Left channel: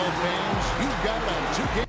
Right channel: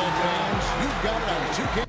basketball fans, you've got it on 2K.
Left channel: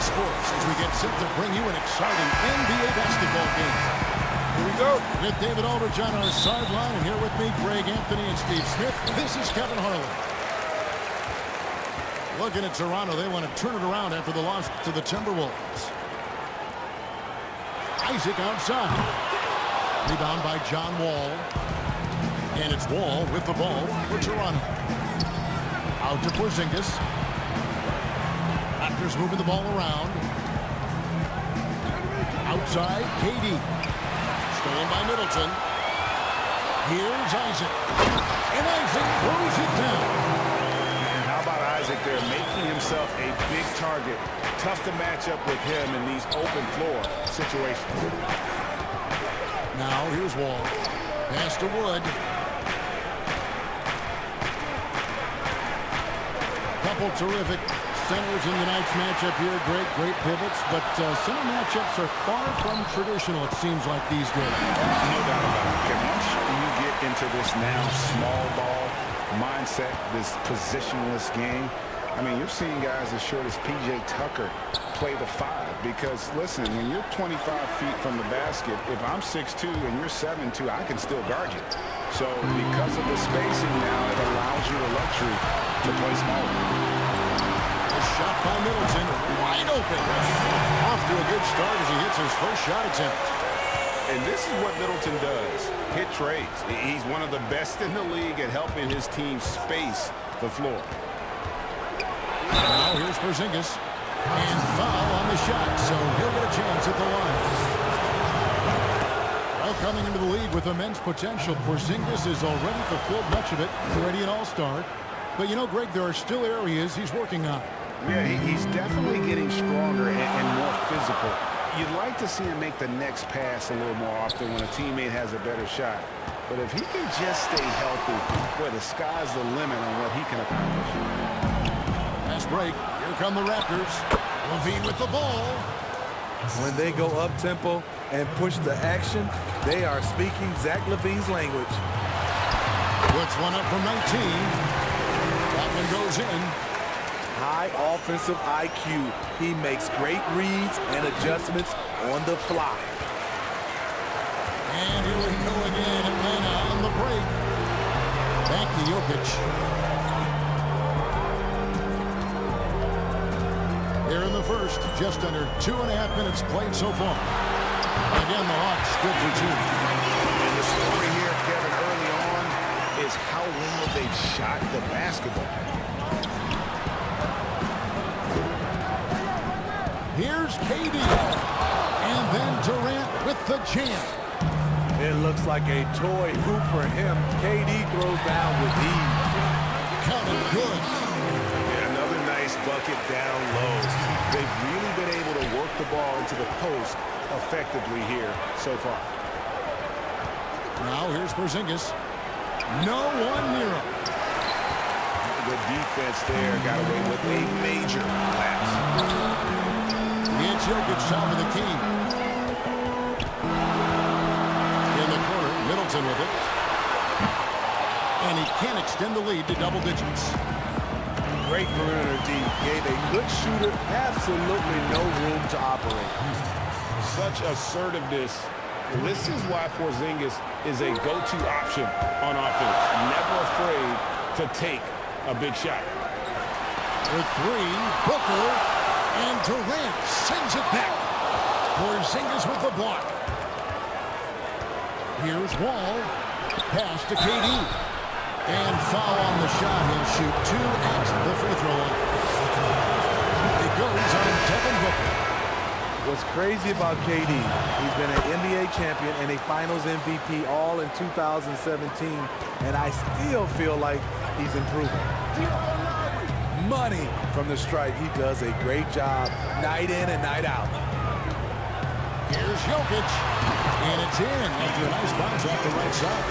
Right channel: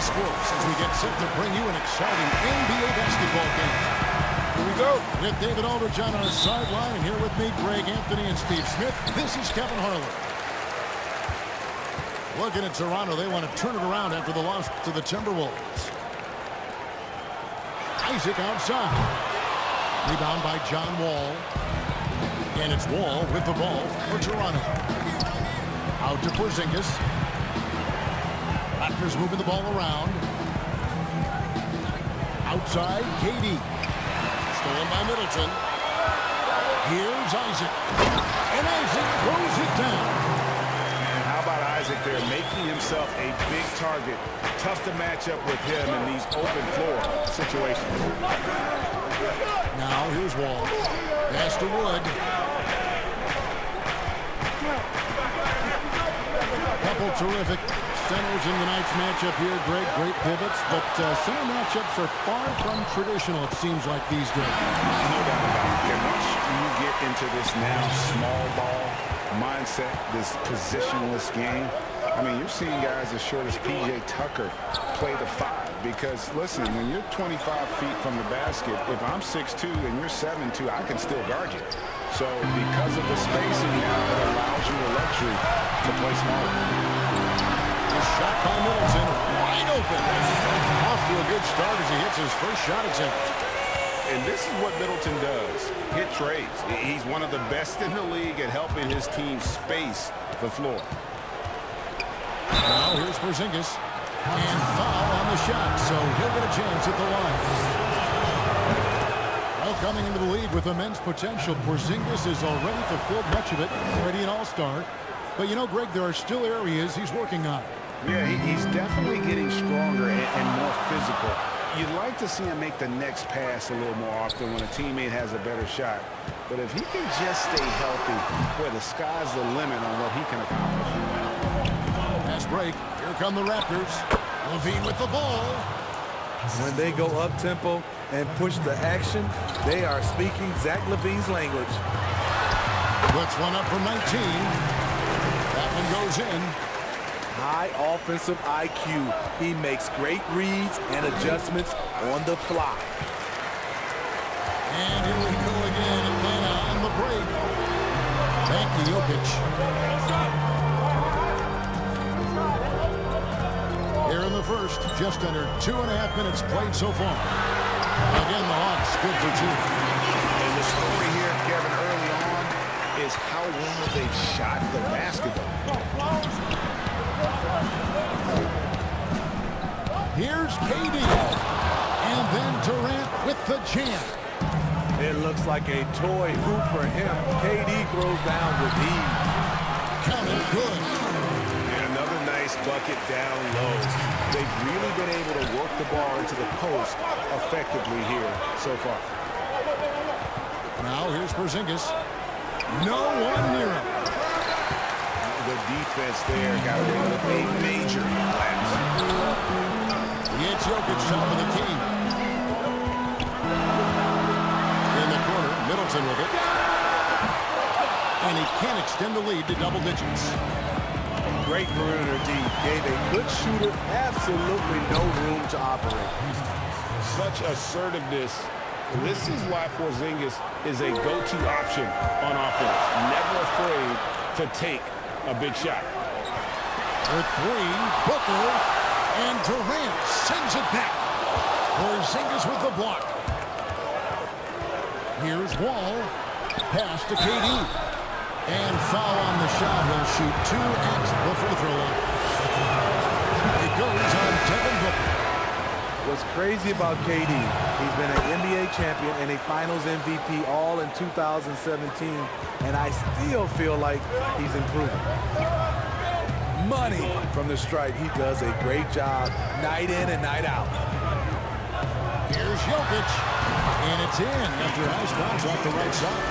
Sports as we get set to bring you an exciting NBA basketball game. Here we go. With David Aldridge on our sideline, and here with me, Greg Anthony and Steve Smith. This is Kevin Harlan. Looking at Toronto, they want to turn it around after the loss to the Timberwolves. Isaac outside. Rebound by John Wall. And it's Wall with the ball for Toronto. Out to Porzingis. Raptors moving the ball around. Outside, KD. Stolen by Middleton. Here's Isaac. And Isaac throws it down. And how about Isaac there making himself a big target? Tough to match up with him in these open floor situations. Now here's Wall. Pass to Wood. Couple terrific centers in tonight's matchup here. Greg, great pivots, but center matchups are far from traditional, it seems like, these days. No doubt about it. Okay, once you get into this now small ball mindset, this positionless game, I mean, you're seeing guys as short as P.J. Tucker play the 5 because, listen, when you're 25 feet from the basket, if I'm 6'2 and you're 7'2, I can still guard you. So because of the spacing now, it allows you the luxury to play smaller. A shot by Middleton, wide open. Off to a good start as he hits his first shot attempt. And this is what Middleton does, hit trades. He's one of the best in the league at helping his team space the floor. Now here's Porzingis. And foul on the shot, so he'll get a chance at the line. Well, coming into the league with immense potential, Porzingis has already fulfilled much of it, already an all-star. But, you know, Greg, there are still areas he's working on. Yeah, he's definitely getting stronger and more physical. You'd like to see him make the next pass a little more often when a teammate has a better shot. But if he can just stay healthy, boy, the sky's the limit on what he can accomplish. Pass break. Here come the Raptors. LaVine with the ball. When they go up-tempo and push the action, they are speaking Zach LaVine's language. Puts one up from 19. That one goes in. High offensive IQ. He makes great reads and adjustments on the fly. And here we go again. Atlanta on the break. Back to Jokic. Here in the first, just under 2.5 minutes played so far. Again, the Hawks good for 2. And the story here, Kevin, early on is how well they've shot the basketball. Here's KD. And then Durant with the jam. It looks like a toy hoop for him. KD throws down with ease. Counted good. Yeah, another nice bucket down low. They've really been able to work the ball into the post effectively here so far. Now here's Porzingis. No one near him. The defense there got away with a major lapse. It's Jokic top of the key. In the corner, Middleton with it. And he can't extend the lead to double digits. Great perimeter D. Gave a good shooter absolutely no room to operate. Such assertiveness. This is why Porzingis is a go-to option on offense. Never afraid to take a big shot. For 3, Booker. And Durant sends it back. Porzingis with the block. Here's Wall. Pass to KD. And foul on the shot. He'll shoot 2 at the free throw line. It goes on Devin Booker. What's crazy about KD, he's been an NBA champion and a Finals MVP all in 2017, and I still feel like he's improving. Money from the stripe. He does a great job night in and night out. Here's Jokic. And it's in after a nice bounce off the right side.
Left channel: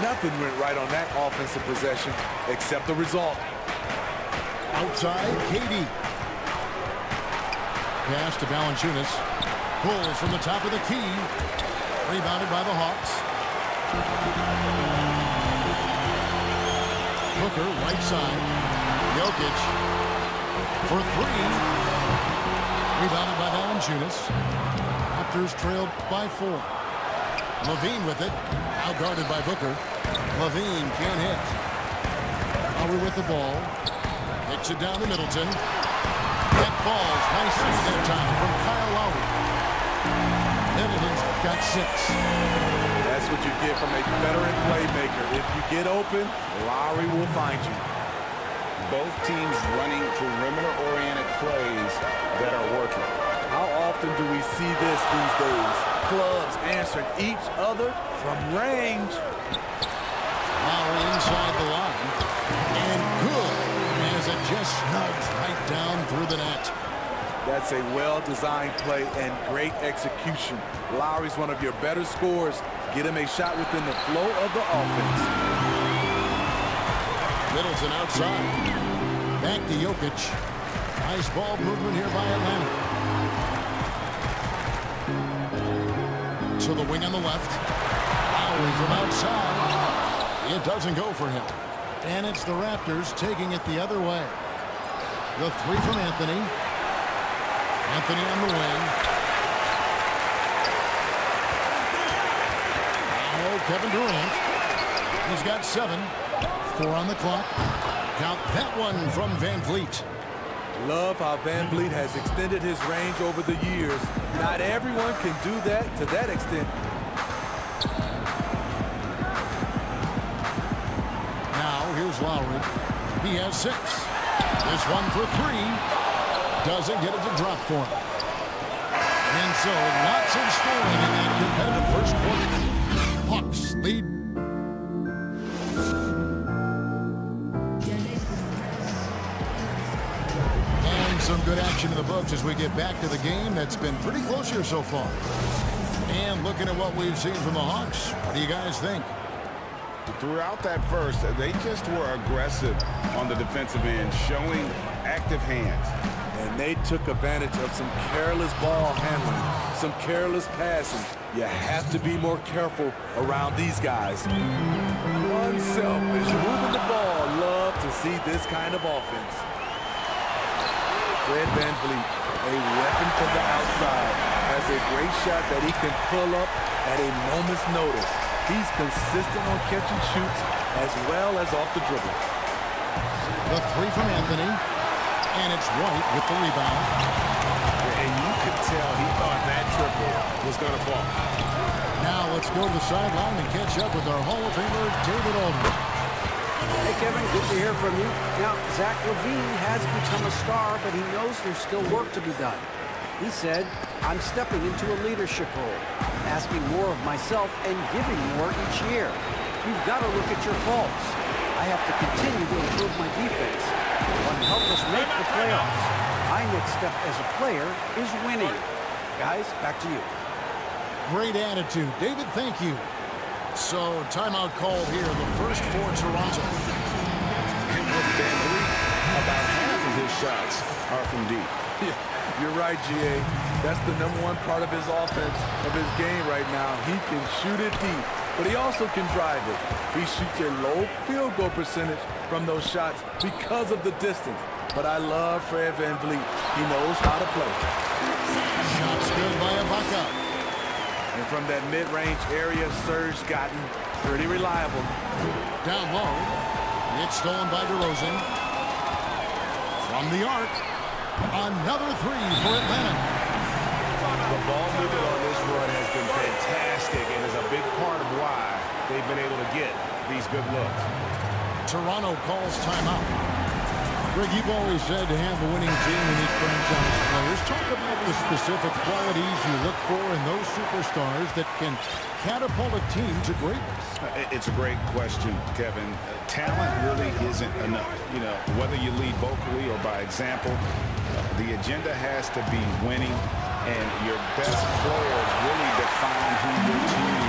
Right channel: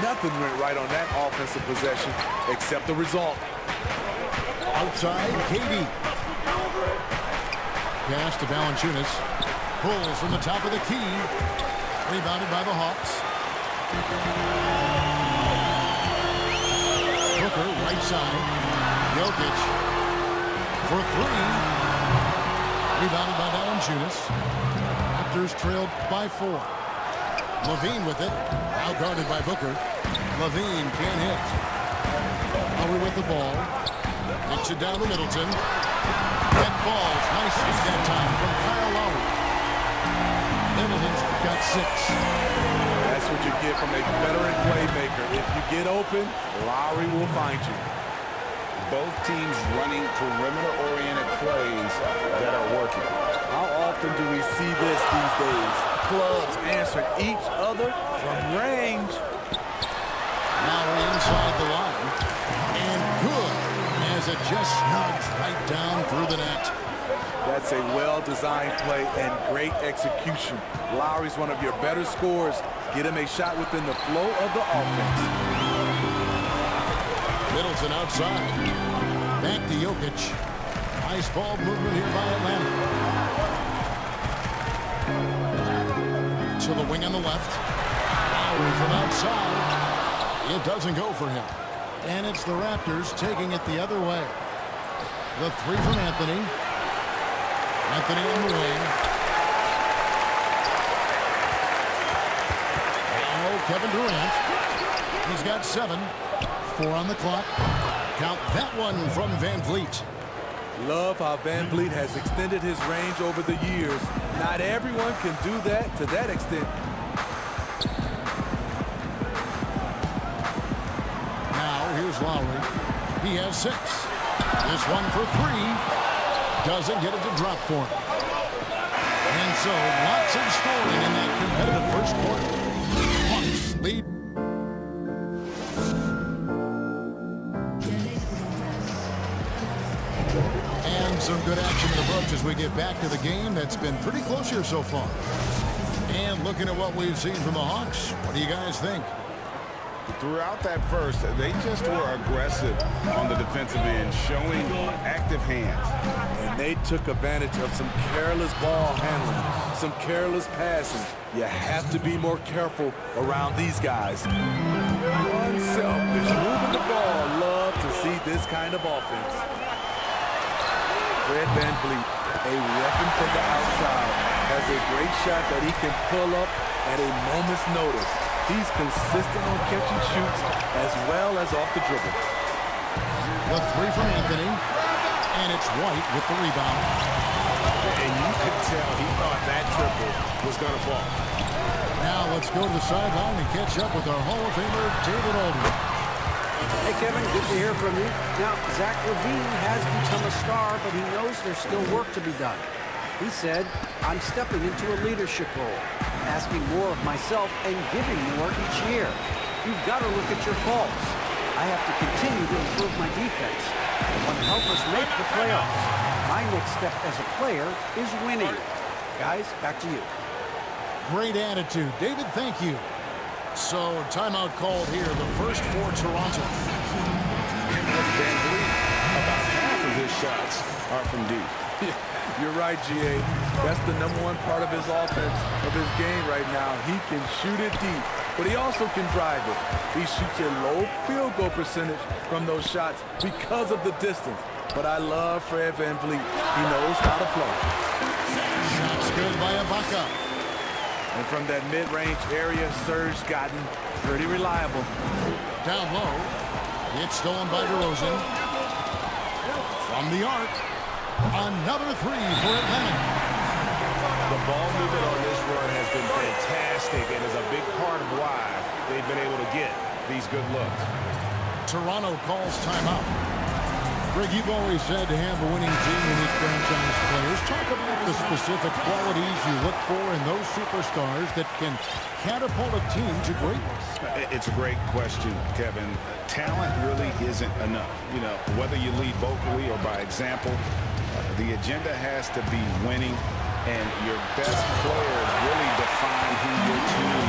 Nothing went right on that offensive possession except the result. Outside, KD. Pass to Valanciunas. Pulls from the top of the key. Rebounded by the Hawks. Booker, right side. Jokic for 3. Rebounded by Valanciunas. Raptors trailed by 4. Levine with it. Now guarded by Booker. Levine can't hit. Lowry with the ball. Hits it down to Middleton. That falls. Nice feed that time from Kyle Lowry. Middleton's got 6. That's what you get from a veteran playmaker. If you get open, Lowry will find you. Both teams running perimeter-oriented plays that are working. How often do we see this these days? Clubs answering each other from range. Lowry inside the line. And good as it just snugs right down through the net. That's a well-designed play and great execution. Lowry's one of your better scorers. Get him a shot within the flow of the offense. Middleton outside. Back to Jokic. Nice ball movement here by Atlanta. To the wing on the left. Lowry from outside. It doesn't go for him. And it's the Raptors taking it the other way. The 3 from Anthony. Anthony on the wing. Now Kevin Durant. He's got 7. 4 on the clock. Count that one from Van Vliet. Love how Van Vliet has extended his range over the years. Not everyone can do that to that extent. Now here's Lowry. He has 6. This one for 3. Doesn't get it to drop for him. And so lots of scoring in that competitive first quarter. Hawks lead. And some good action in the books as we get back to the game that's been pretty close here so far. And looking at what we've seen from the Hawks, what do you guys think? Throughout that first, they just were aggressive on the defensive end, showing active hands. And they took advantage of some careless ball handling, some careless passing. You have to be more careful around these guys. Unselfish, moving the ball. Love to see this kind of offense. Fred VanVleet, a weapon from the outside, has a great shot that he can pull up at a moment's notice. He's consistent on catch and shoots as well as off the dribble. The 3 from Anthony, and it's White with the rebound. And you could tell he thought that triple was going to fall. Now let's go to the sideline and catch up with our Hall of Famer, David Aldridge. Hey, Kevin, good to hear from you. Now, Zach LaVine has become a star, but he knows there's still work to be done. He said, I'm stepping into a leadership role, asking more of myself and giving more each year. You've got to look at your faults. I have to continue to improve my defense. I want to help us make the playoffs. My next step as a player is winning. Guys, back to you. Great attitude. David, thank you. So, timeout called here, the first for Toronto. And with VanVleet, about half of his shots are from deep. Yeah, you're right, GA. That's the #1 part of his offense, of his game right now. He can shoot it deep, but he also can drive it. He shoots a low field goal percentage from those shots because of the distance. But I love Fred VanVleet. He knows how to play. Shots good by Ibaka. And from that mid-range area, Serge gotten pretty reliable. Down low. It's stolen by DeRozan. From the arc. Another 3 for Atlanta. The ball movement on this run has been fantastic and is a big part of why they've been able to get these good looks. Toronto calls timeout. Greg, you've always said to have a winning team, you need franchise players. Talk about the specific qualities you look for in those superstars that can catapult a team to greatness. It's a great question, Kevin. Talent really isn't enough. You know, whether you lead vocally or by example, the agenda has to be winning, and your best players really define who your team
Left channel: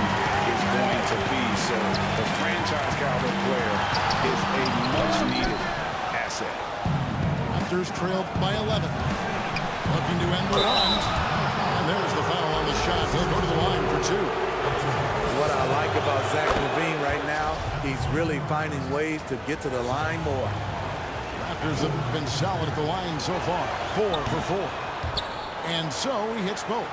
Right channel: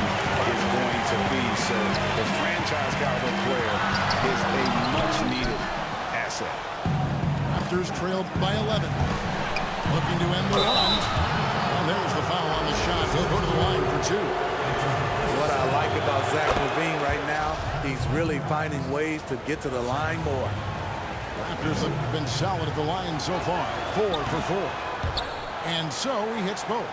is going to be. So the franchise caliber player is a much-needed asset. Raptors trailed by 11. Looking to end the run. And there's the foul on the shot. He'll go to the line for two. What I like about Zach LaVine right now, he's really finding ways to get to the line more. Raptors have been solid at the line so far. 4 for 4. And so he hits both.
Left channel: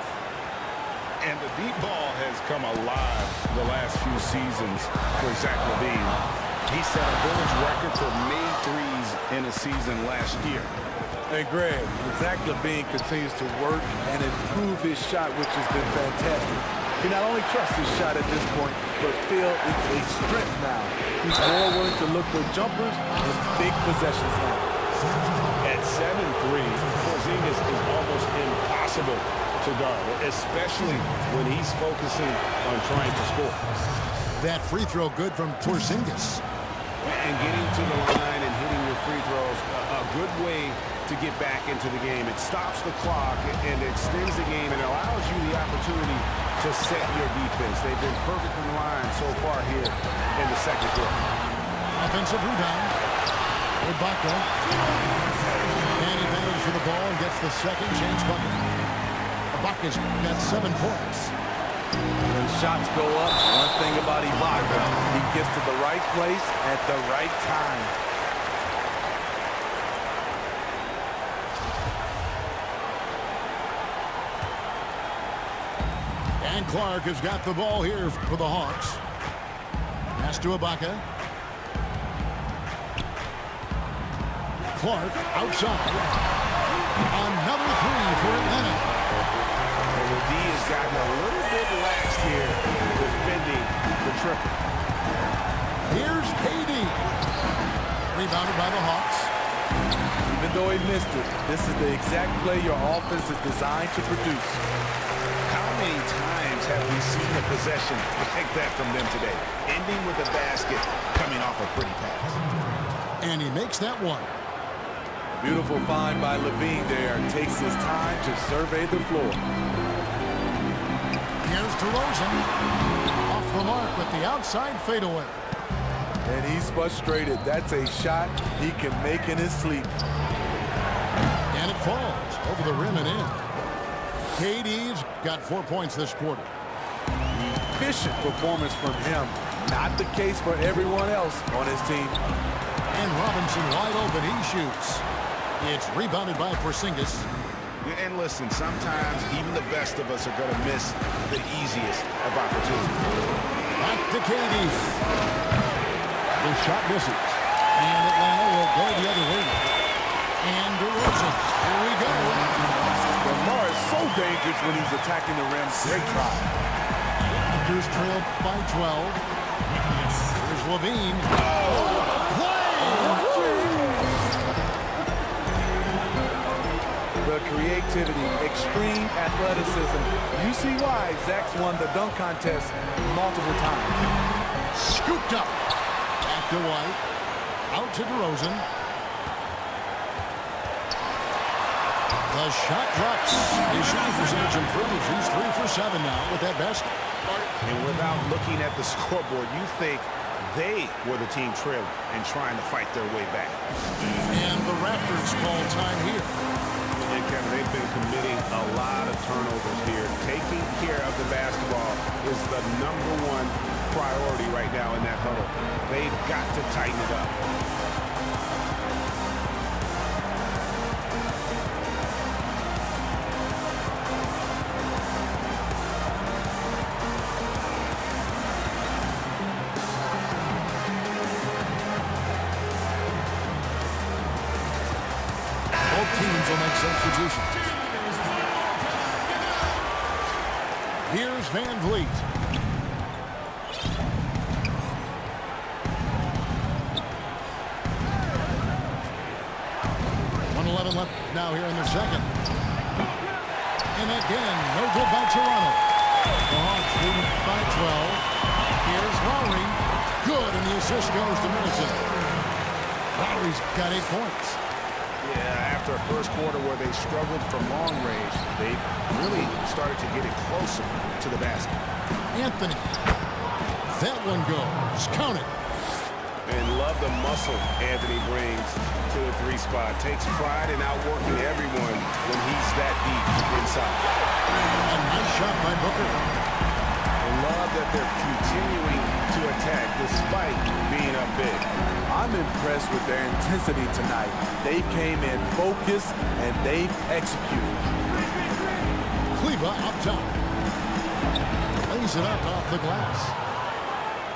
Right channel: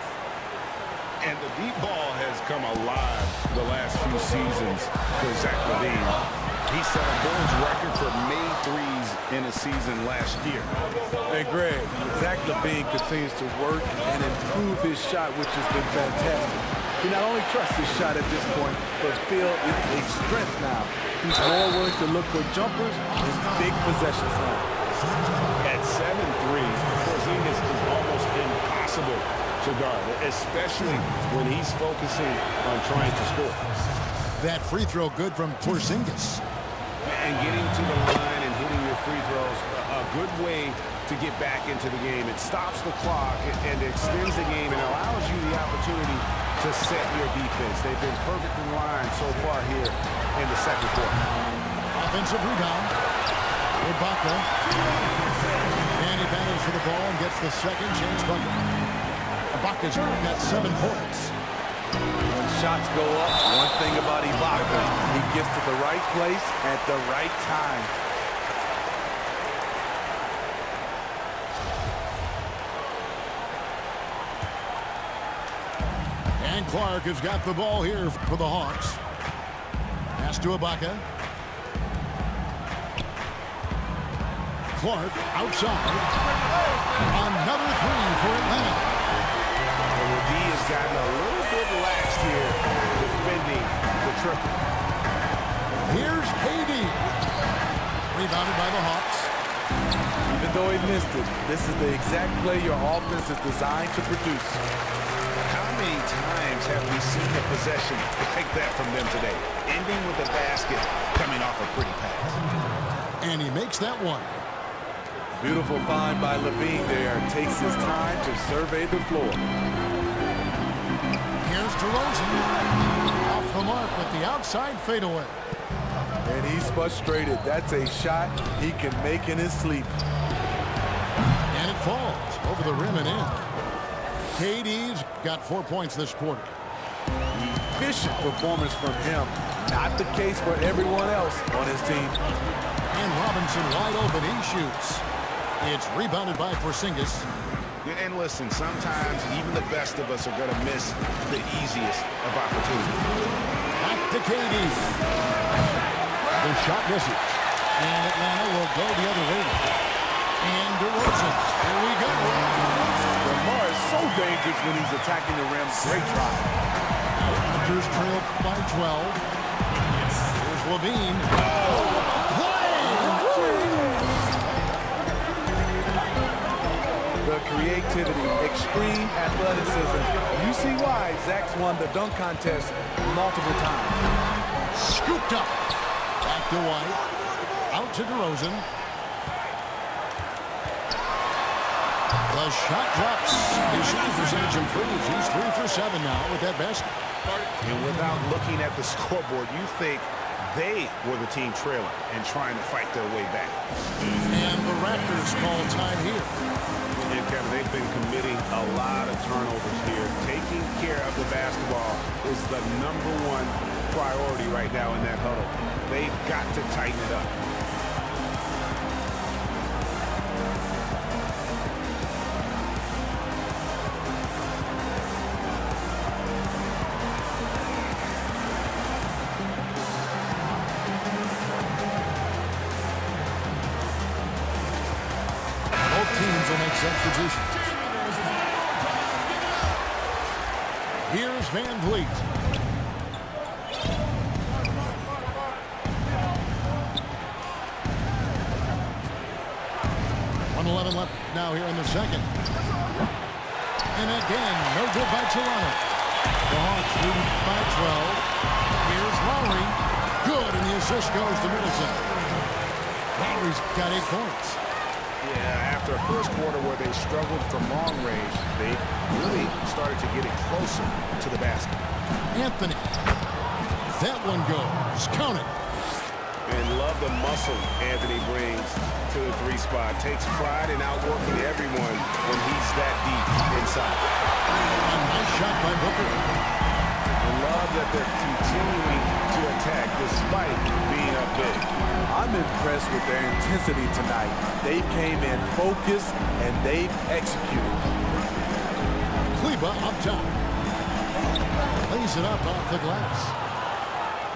And the deep ball has come alive the last few seasons for Zach LaVine. He set a Bulls record for made threes in a season last year. Hey, Greg, Zach LaVine continues to work and improve his shot, which has been fantastic. He not only trusts his shot at this point, but feel it's a strength now. He's more willing to look for jumpers and big possessions now. At 7'3", Porzingis is almost impossible to guard, especially when he's focusing on trying to score. That free throw good from Porzingis. And getting to the line and hitting your free throws, a good way to get back into the game. It stops the clock and extends the game and allows you the opportunity to set your defense. They've been perfect in line so far here in the second quarter. Offensive rebound. Ibaka. And he battles for the ball and gets the second chance bucket. Ibaka's got 7 points. When shots go up, one thing about Ibaka, he gets to the right place at the right time. And Clark has got the ball here for the Hawks. Pass to Ibaka. Clark outside. Another three for Atlanta. And the D has gotten a little bit laxed here defending the triple. Here's KD. Rebounded by the Hawks. Even though he missed it, this is the exact play your offense is designed to produce. How many times have we seen a possession like that from them today? Ending with a basket, coming off a pretty pass. And he makes that one. Beautiful find by LaVine there. Takes his time to survey the floor. Here's DeRozan. Off the mark with the outside fadeaway. And he's frustrated. That's a shot he can make in his sleep. And it falls over the rim and in. KD's got 4 points this quarter. Efficient performance from him. Not the case for everyone else on his team. And Robinson wide open. He shoots. It's rebounded by Porzingis. And listen, sometimes even the best of us are going to miss the easiest of opportunities. Back to KD. The shot misses. And Atlanta will go the other way. And DeRozan. Here we go. Lamar is so dangerous when he's attacking the rim. Great try. Raptors trail by 12. Here's LaVine. Oh, what a play! Watch it! The creativity, extreme athleticism. You see why Zach's won the dunk contest multiple times. Scooped up. Back to White. Out to DeRozan. The shot drops. His shooting percentage improves. He's 3 for 7 now with that basket. And without looking at the scoreboard, you think they were the team trailing and trying to fight their way back. And the Raptors call time here. And Kevin, they've been committing a lot of turnovers here. Taking care of the basketball is the #1 priority right now in that huddle. They've got to tighten it up. Both teams will make substitutions. Here's Van Vliet. .11 left now here in the second. And again, no good by Toronto. The Hawks leading by 12. Here's Lowry. Good, and the assist goes to Middleton. Lowry's got 8 points. Yeah, after a first quarter where they struggled from long range, they really started to get it closer to the basket. Anthony. That one goes. Count it. And love the muscle Anthony brings to the 3 spot. Takes pride in outworking everyone when he's that deep inside. A nice shot by Booker. I love that they're continuing to attack despite being up big. I'm impressed with their intensity tonight. They came in focused and they've executed. Kleba up top. Lays it up off the glass.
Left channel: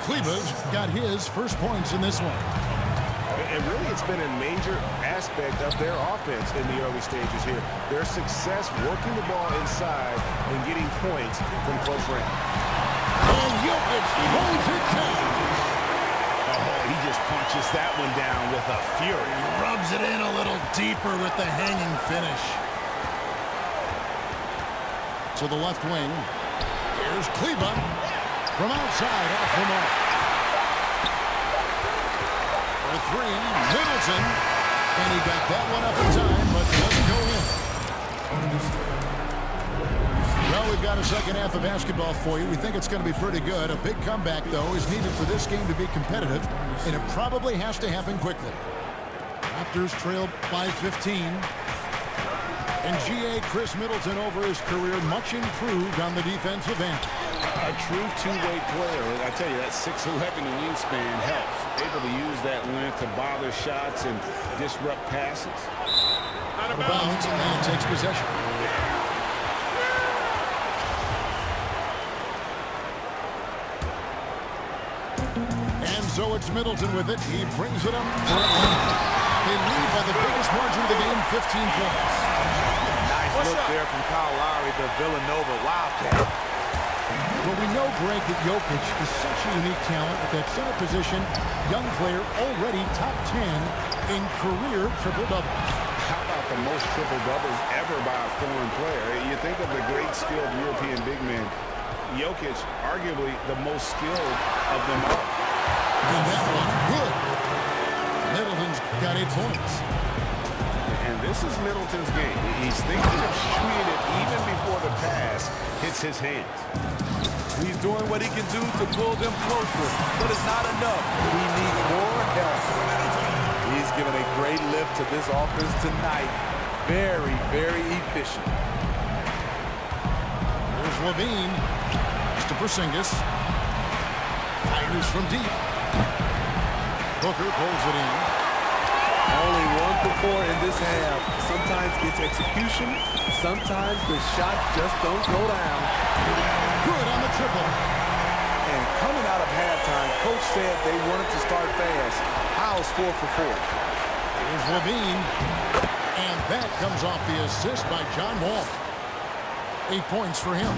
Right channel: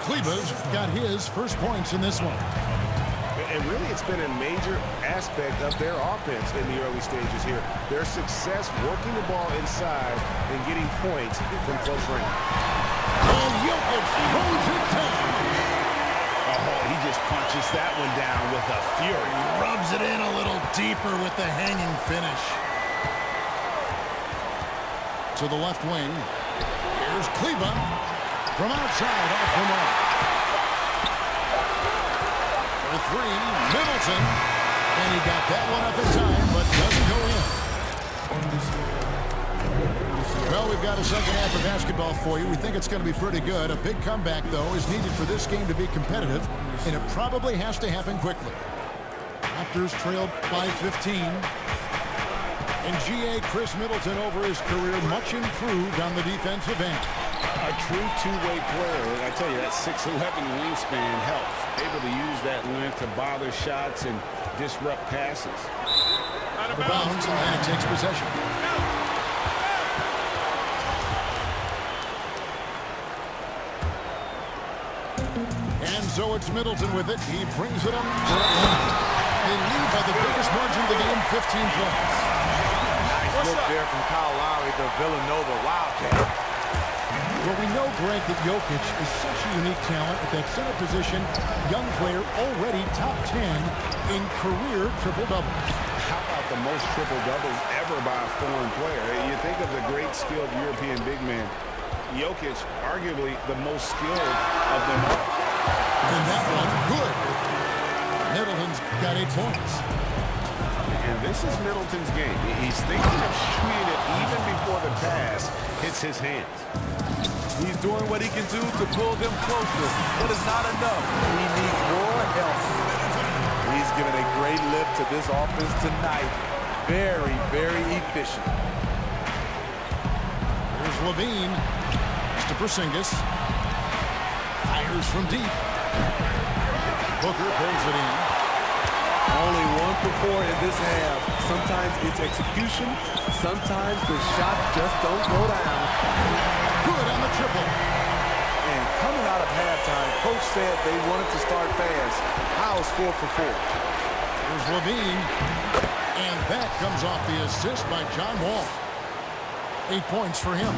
Kleba's got his first points in this one. And really, it's been a major aspect of their offense in the early stages here. Their success working the ball inside and getting points from close range. And Jokic throws it down. Oh, he just punches that one down with a fury. Rubs it in a little deeper with the hanging finish. To the left wing. Here's Kleba from outside off the mark. For 3, Middleton. And he got that one up in time, but doesn't go in. Well, we've got a second half of basketball for you. We think it's going to be pretty good. A big comeback, though, is needed for this game to be competitive, and it probably has to happen quickly. Raptors trailed by 15. And G.A. Chris Middleton over his career, much improved on the defensive end. A true two-way player. I tell you, that 6'11" wingspan helps. Able to use that length to bother shots and disrupt passes. Out of bounds, Atlanta takes possession. And so it's Middleton with it. He brings it up for Atlanta. They lead by the biggest margin of the game, 15 points. Nice look there from Kyle Lowry, the Villanova Wildcat. Well, we know, Greg, that Jokic is such a unique talent at that center position. Young player, already top 10 in career triple-doubles. How about the most triple-doubles ever by a foreign player? You think of the great skilled European big man. Jokic, arguably the most skilled of them all. And that one, good. Middleton's got 8 points. And this is Middleton's game. He's thinking of shooting it even before the pass hits his hands. He's doing what he can do to pull them closer, but it's not enough. He needs more help. He's given a great lift to this offense tonight. Very, very efficient. Here's Levine. To Porzingis. Fires from deep. Booker pulls it in. Only 1 for 4 in this half. Sometimes it's execution. Sometimes the shots just don't go down. Good on the triple. And coming out of halftime, coach said they wanted to start fast. How's 4 for 4? Here's Levine. And that comes off the assist by John Wall. 8 points for him.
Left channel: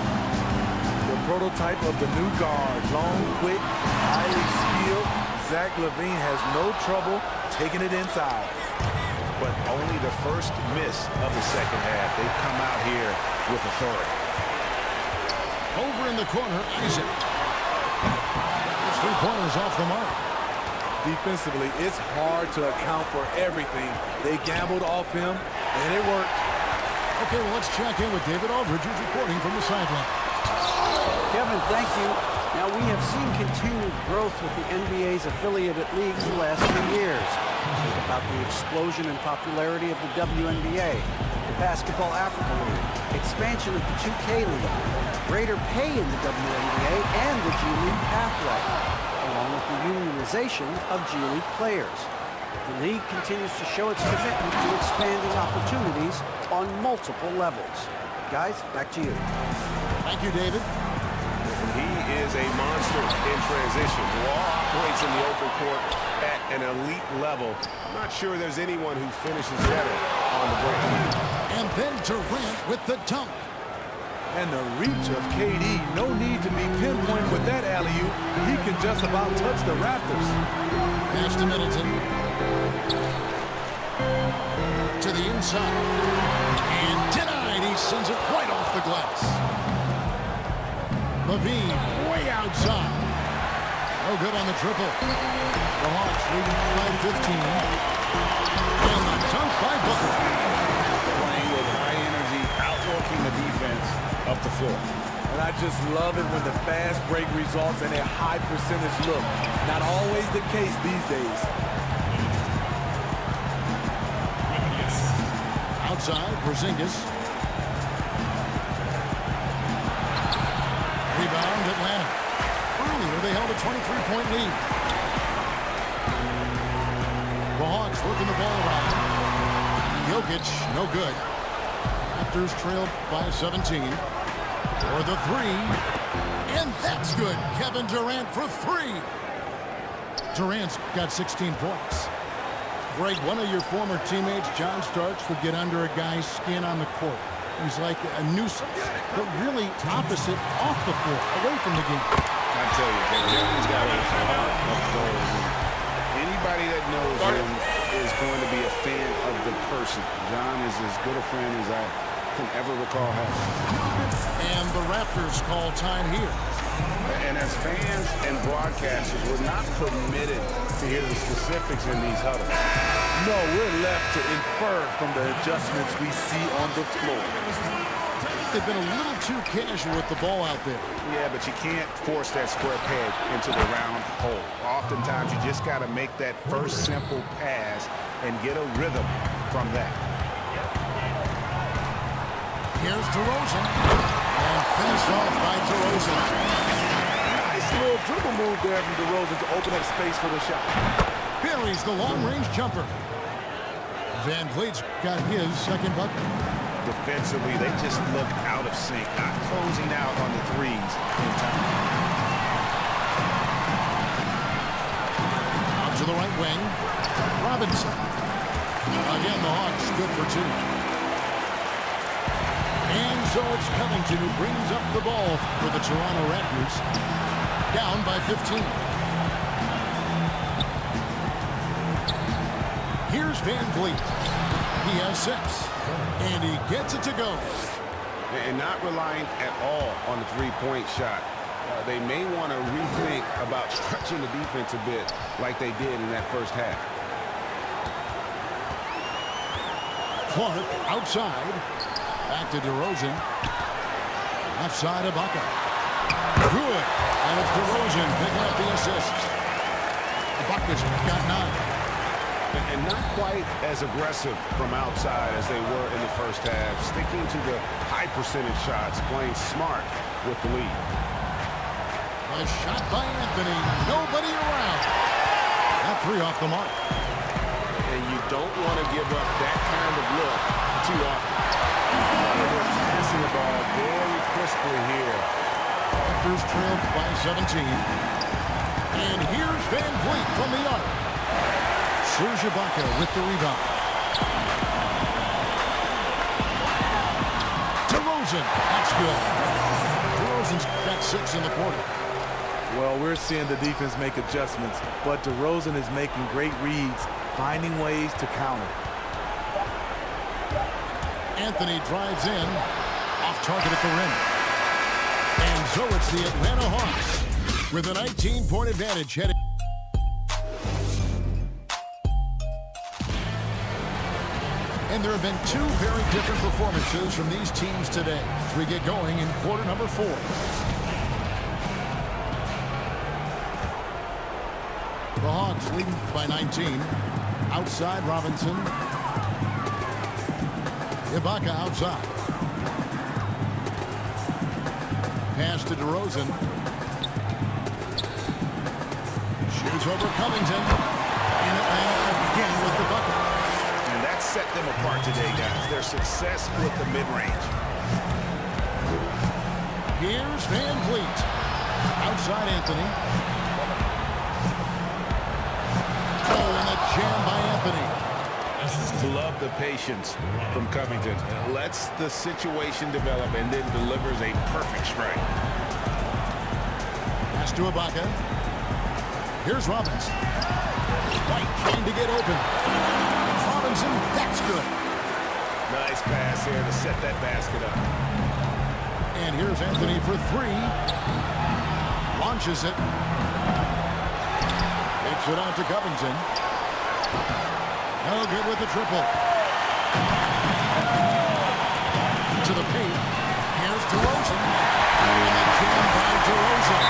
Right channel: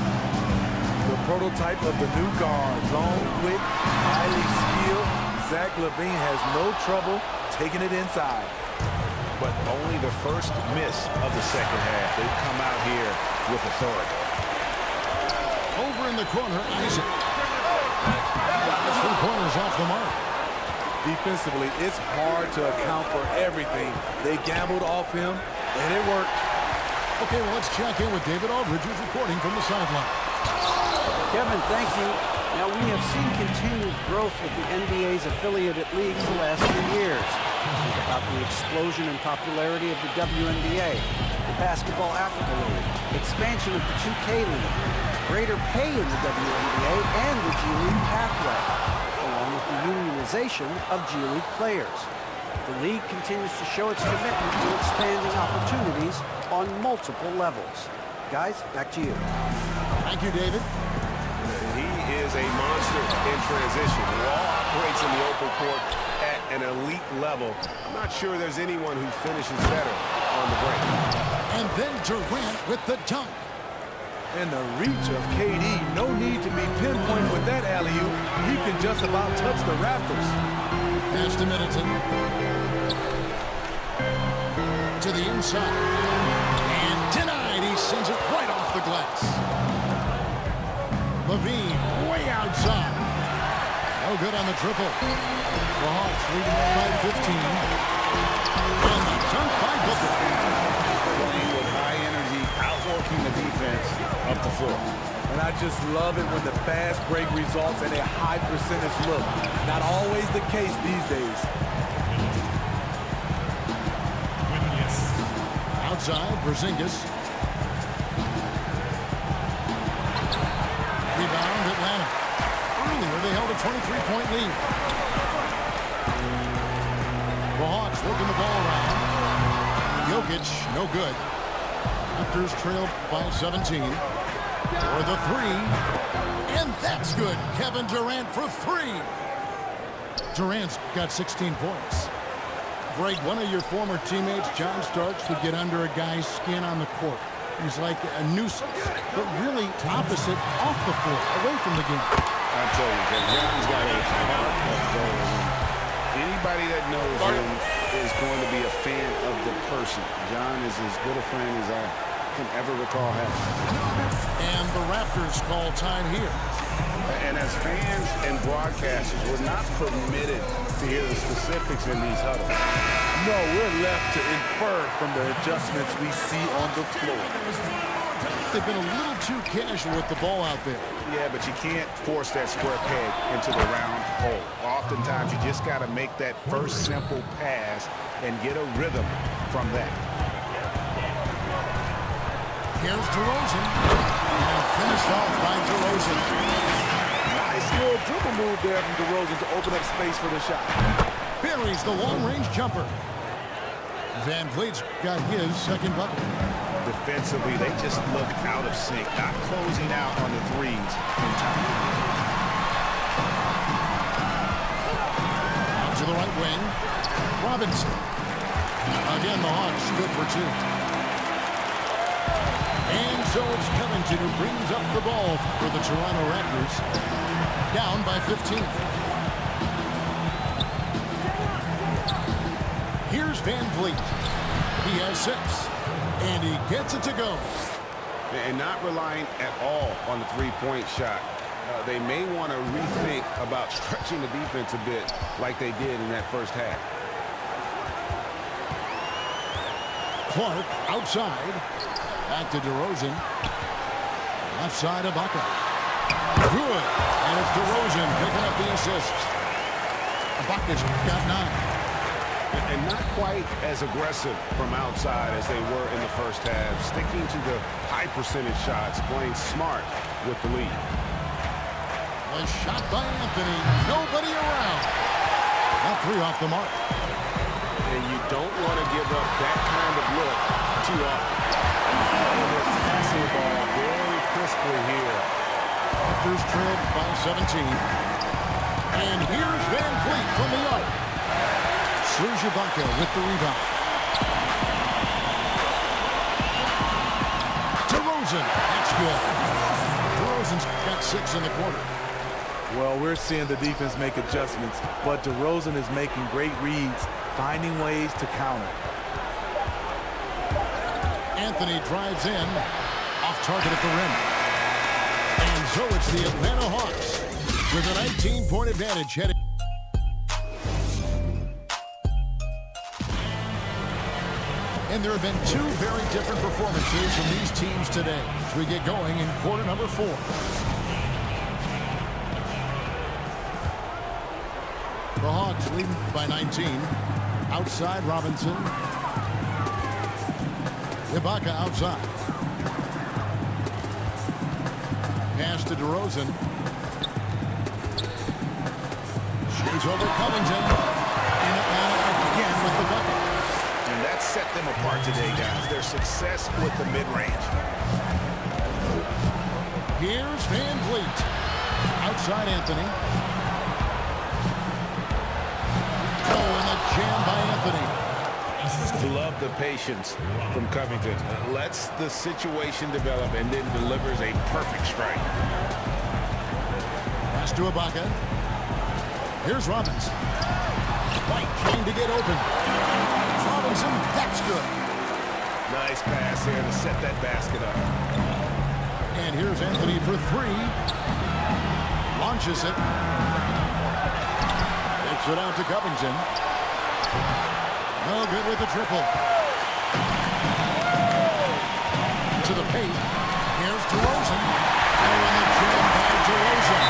The prototype of the new guard. Long, quick, highly skilled. Zach LaVine has no trouble taking it inside. But only the first miss of the second half. They've come out here with authority. Over in the corner, Isaac. His 3-pointers off the mark. Defensively, it's hard to account for everything. They gambled off him, and it worked. Okay, well, let's check in with David Aldridge, who's reporting from the sideline. Kevin, thank you. Now, we have seen continued growth with the NBA's affiliated leagues the last few years. Think about the explosion in popularity of the WNBA, the Basketball Africa League, expansion of the 2K League, greater pay in the WNBA and the G League pathway, along with the unionization of G League players. The league continues to show its commitment to expanding opportunities on multiple levels. Guys, back to you. Thank you, David. He is a monster in transition. Wall operates in the open court at an elite level. I'm not sure there's anyone who finishes better on the break. And then Durant with the dunk. And the reach of KD, no need to be pinpoint with that alley-oop. He can just about touch the rafters. Pass to Middleton. To the inside. And denied. He sends it right off the glass. Levine way outside. No good on the triple. The Hawks leading by 15. And the dunk by Booker. Playing with high energy, outworking the defense up the floor. And I just love it when the fast break results in a high percentage look. Not always the case these days. Outside, Porzingis. Rebound, Atlanta. Earlier, they held a 23-point lead. The Hawks working the ball around. Jokic, no good. Raptors trail by 17. For the three. And that's good. Kevin Durant for three. Durant's got 16 points. Greg, one of your former teammates, John Starks, would get under a guy's skin on the court. He's like a nuisance, but really opposite off the floor, away from the game. I tell you, Kevin, John's got a heart of gold. Anybody that knows him is going to be a fan of the person. John is as good a friend as I can ever recall having. And the Raptors call time here. And as fans and broadcasters, we're not permitted to hear the specifics in these huddles. No, we're left to infer from the adjustments we see on the floor. They've been a little too casual with the ball out there. Yeah, but you can't force that square peg into the round hole. Oftentimes, you just got to make that first simple pass and get a rhythm from that. Here's DeRozan. And finished off by DeRozan. Nice little dribble move there from DeRozan to open up space for the shot. Buries the long-range jumper. Van Vliet's got his second bucket. Defensively, they just look out of sync, not closing out on the threes in time. Out to the right wing. Robinson. Again, the Hawks good for two. And so it's Covington who brings up the ball for the Toronto Raptors. Down by 15. Here's Van Vliet. He has 6. And he gets it to go. And not relying at all on the three-point shot. They may want to rethink about stretching the defense a bit like they did in that first half. Clark outside. Back to DeRozan. Left side of Ibaka. Good. And it's DeRozan picking up the assist. Ibaka's got 9. And not quite as aggressive from outside as they were in the first half. Sticking to the high percentage shots, playing smart with the lead. The shot by Anthony. Nobody around. Got 3 off the mark. And you don't want to give up that kind of look too often. And they're passing the ball very crisply here. Raptors trailed by 17. And here's Van Vliet from the arc. Serge Ibaka with the rebound. DeRozan, that's good. DeRozan's got 6 in the quarter. Well, we're seeing the defense make adjustments, but DeRozan is making great reads, finding ways to counter. Anthony drives in, off target at the rim. And so it's the Atlanta Hawks with a 19-point advantage headed. And there have been 2 very different performances from these teams today as we get going in quarter number 4. The Hawks leading by 19. Outside, Robinson. Ibaka outside. Pass to DeRozan. Shoots over Covington. And Atlanta again with the bucket. And that set them apart today, guys. Their success with the mid-range. Here's Van Vliet. Outside Anthony. Oh, and the jam by Anthony. Love the patience from Covington. Lets the situation develop and then delivers a perfect strike. Pass to Ibaka. Here's Robinson. White trying to get open. Robinson, that's good. Nice pass here to set that basket up. And here's Anthony for three. Launches it. Takes it out to Covington. No good with the triple. To the paint. Here's DeRozan. Oh, and the jam by DeRozan.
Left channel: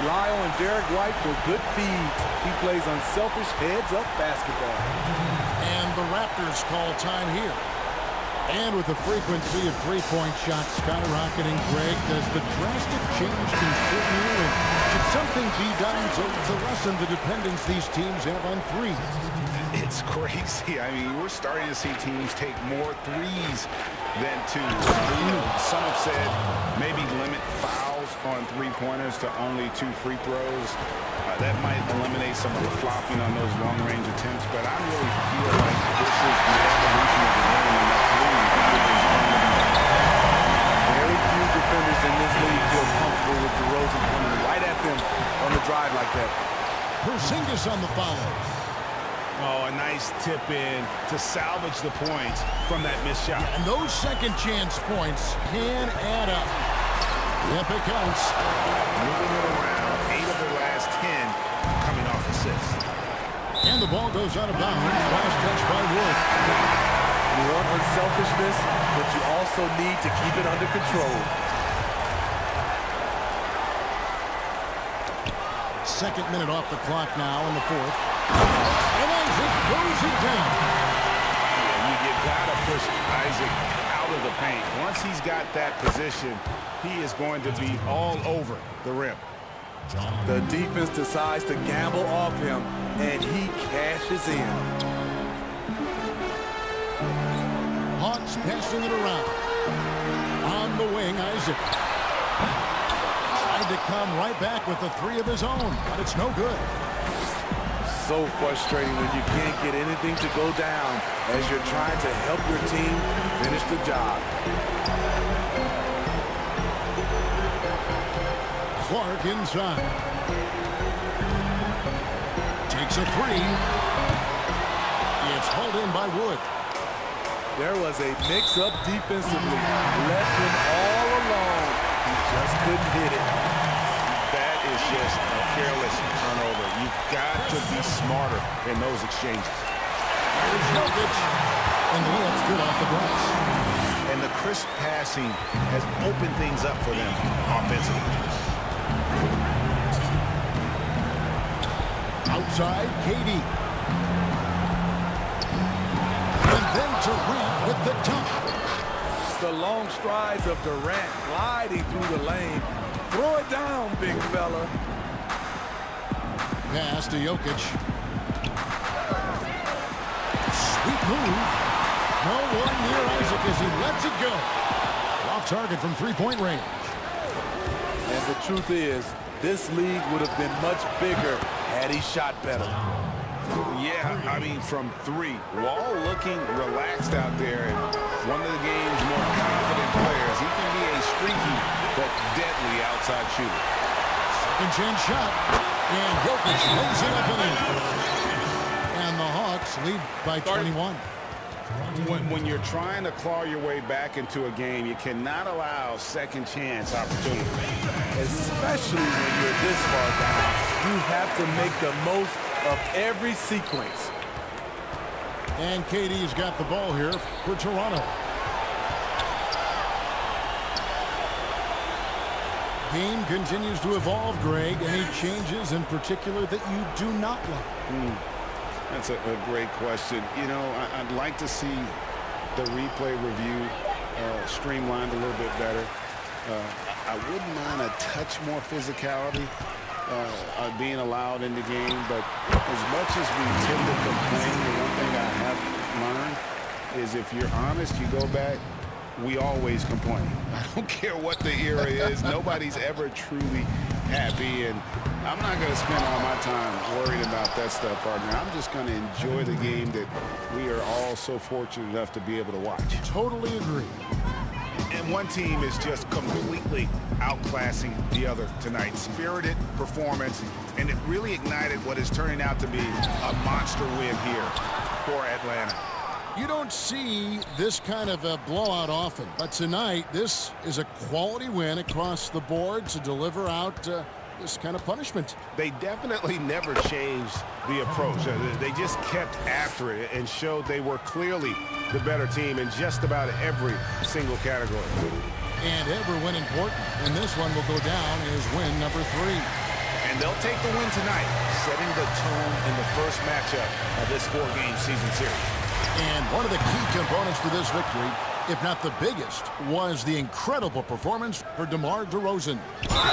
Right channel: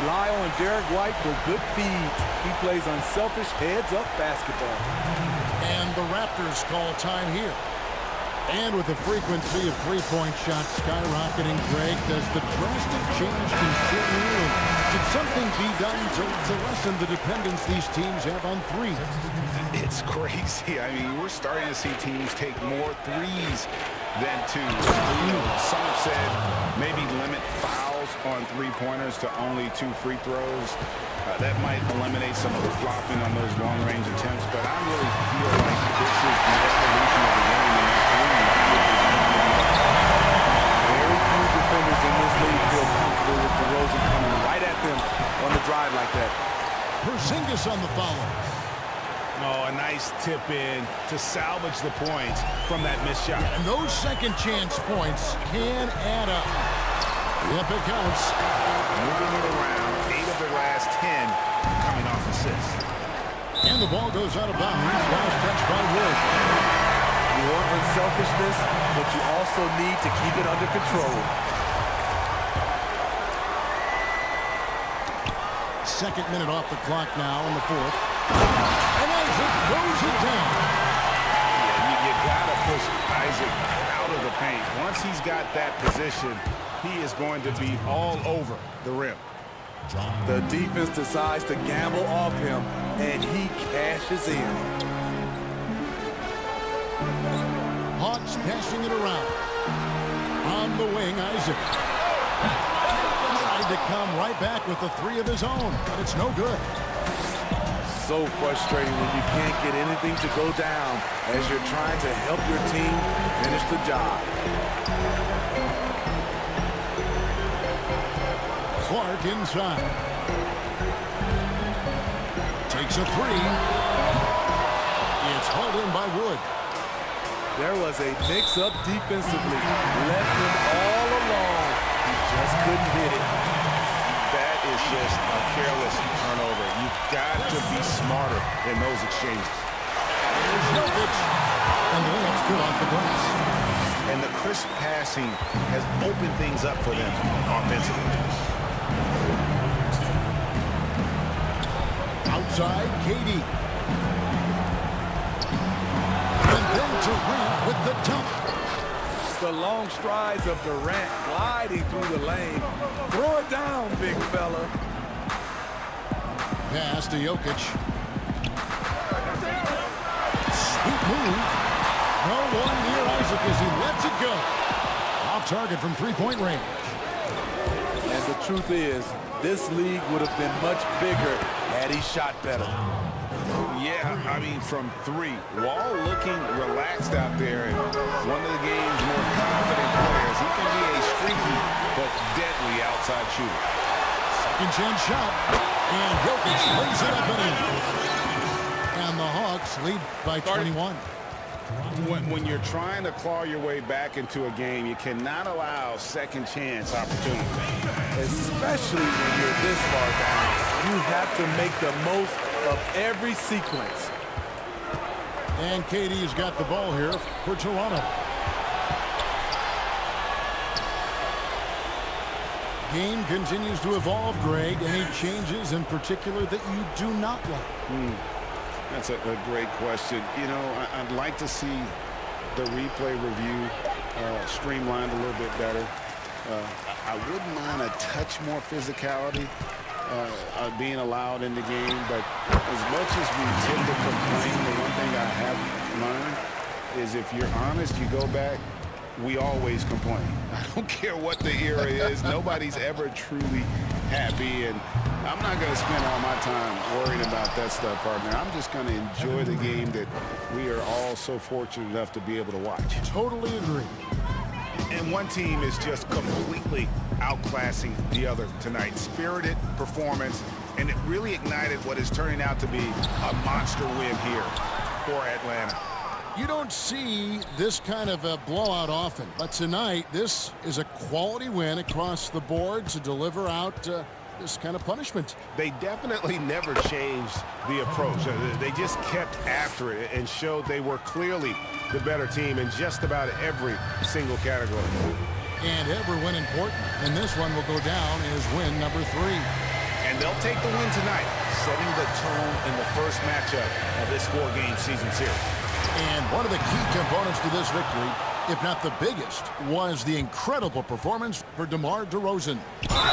Rely on Derek White for good feeds. He plays unselfish heads-up basketball. And the Raptors call time here. And with the frequency of three-point shots skyrocketing, Greg, does the drastic change concern you? And should something be done to lessen the dependence these teams have on threes? It's crazy. I mean, we're starting to see teams take more threes than twos. You know, some have said maybe limit fouls on three-pointers to only 2 free throws. That might eliminate some of the flopping on those long-range attempts, but I really feel like this is the evolution of the game, and that three is going to be vital. Very few defenders in this league feel comfortable with DeRozan coming right at them on the drive like that. Porzingis on the follow. Oh, a nice tip in to salvage the points from that missed shot. And those second chance points can add up. Yep, it counts. Moving it around, 8 of their last 10 coming off assists. And the ball goes out of bounds. Last touch by Wood. You want unselfishness, but you also need to keep it under control. Second minute off the clock now in the fourth. And Isaac throws it down. Yeah, you got to push Isaac out of the paint. Once he's got that position, he is going to be all over the rim. The defense decides to gamble off him, and he cashes in. Hawks passing it around. On the wing, Isaac. Tried to come right back with the three of his own, but it's no good. So frustrating when you can't get anything to go down as you're trying to help your team finish the job. Clark inside. Takes a three. It's hauled in by Wood. There was a mix-up defensively. Left him all alone. He just couldn't hit it. That is just a careless turnover. You've got to be smarter in those exchanges. Here's Jokic. And the layup's good off the glass. And the crisp passing has opened things up for them offensively. Outside, KD. And then Durant with the dunk. The long strides of Durant gliding through the lane. Throw it down, big fella. Pass to Jokic. Sweet move. No one near Isaac as he lets it go. Off target from three-point range. And the truth is, this league would have been much bigger had he shot better. Yeah, I mean, from 3. Wall looking relaxed out there, and one of the game's more confident players. He can be a streaky but deadly outside shooter. Second chance shot. And Jokic lays it up and in. And the Hawks lead by 21. When you're trying to claw your way back into a game, you cannot allow second chance opportunity. Especially when you're this far down, you have to make the most of every sequence. And KD's got the ball here for Toronto. Game continues to evolve, Greg. Any changes in particular that you do not like? That's a great question. You know, I'd like to see the replay review streamlined a little bit better. I wouldn't mind a touch more physicality being allowed in the game, but as much as we tend to complain, the one thing I have learned is if you're honest, you go back, we always complain. I don't care what the era is. Nobody's ever truly happy, and I'm not going to spend all my time worrying about that stuff, partner. I'm just going to enjoy the game that we are all so fortunate enough to be able to watch. Totally agree. And one team is just completely outclassing the other tonight. Spirited performance, and it really ignited what is turning out to be a monster win here for Atlanta. You don't see this kind of a blowout often, but tonight this is a quality win across the board to deliver out this kind of punishment. They definitely never changed the approach. They just kept after it and showed they were clearly the better team in just about every single category. And every win important, and this one will go down as win number 3. And they'll take the win tonight, setting the tone in the first matchup of this 4-game season series. And one of the key components to this victory, if not the biggest, was the incredible performance for DeMar DeRozan.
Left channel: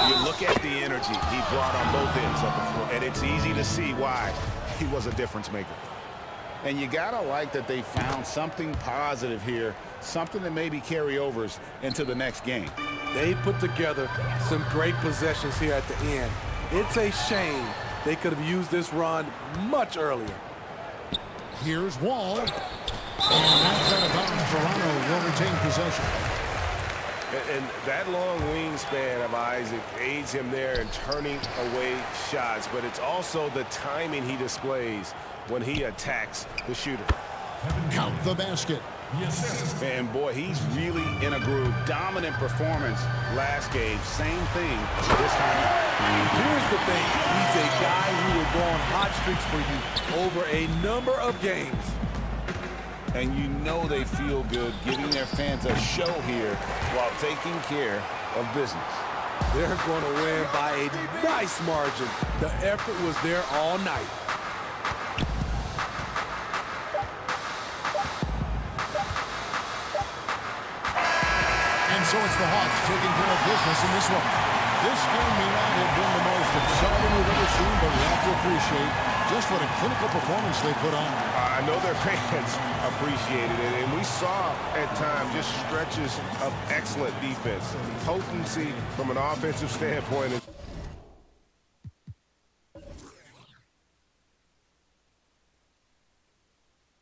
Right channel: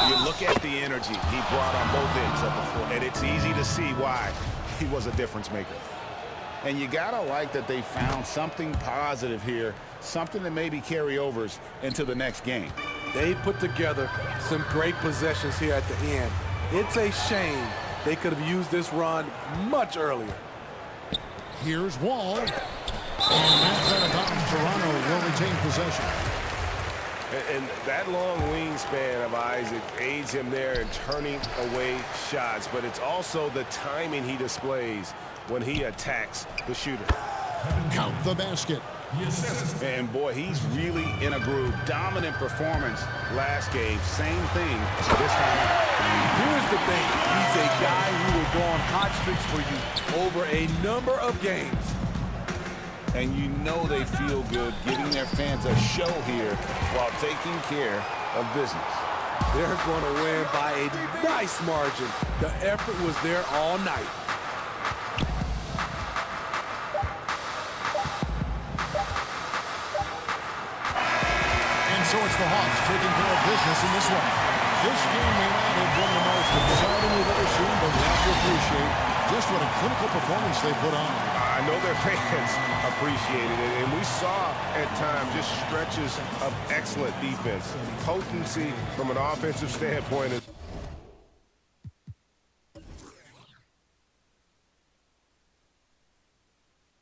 You look at the energy he brought on both ends of the floor, and it's easy to see why he was a difference maker. And you gotta like that they found something positive here, something that maybe carry overs into the next game. They put together some great possessions here at the end. It's a shame they could have used this run much earlier. Here's Wall. And that's out of bounds. Toronto will retain possession. And that long wingspan of Isaac aids him there in turning away shots, but it's also the timing he displays when he attacks the shooter. Count the basket. And boy, he's really in a groove. Dominant performance last game. Same thing this time out. Here's the thing. He's a guy who will go on hot streaks for you over a number of games. And you know they feel good giving their fans a show here while taking care of business. They're going to win by a nice margin. The effort was there all night. And so it's the Hawks taking care of business in this one. This game may not have been the most exciting we've ever seen, but we have to appreciate just what a clinical performance they put on. I know their fans appreciated it, and we saw at times just stretches of excellent defense. Potency from an offensive standpoint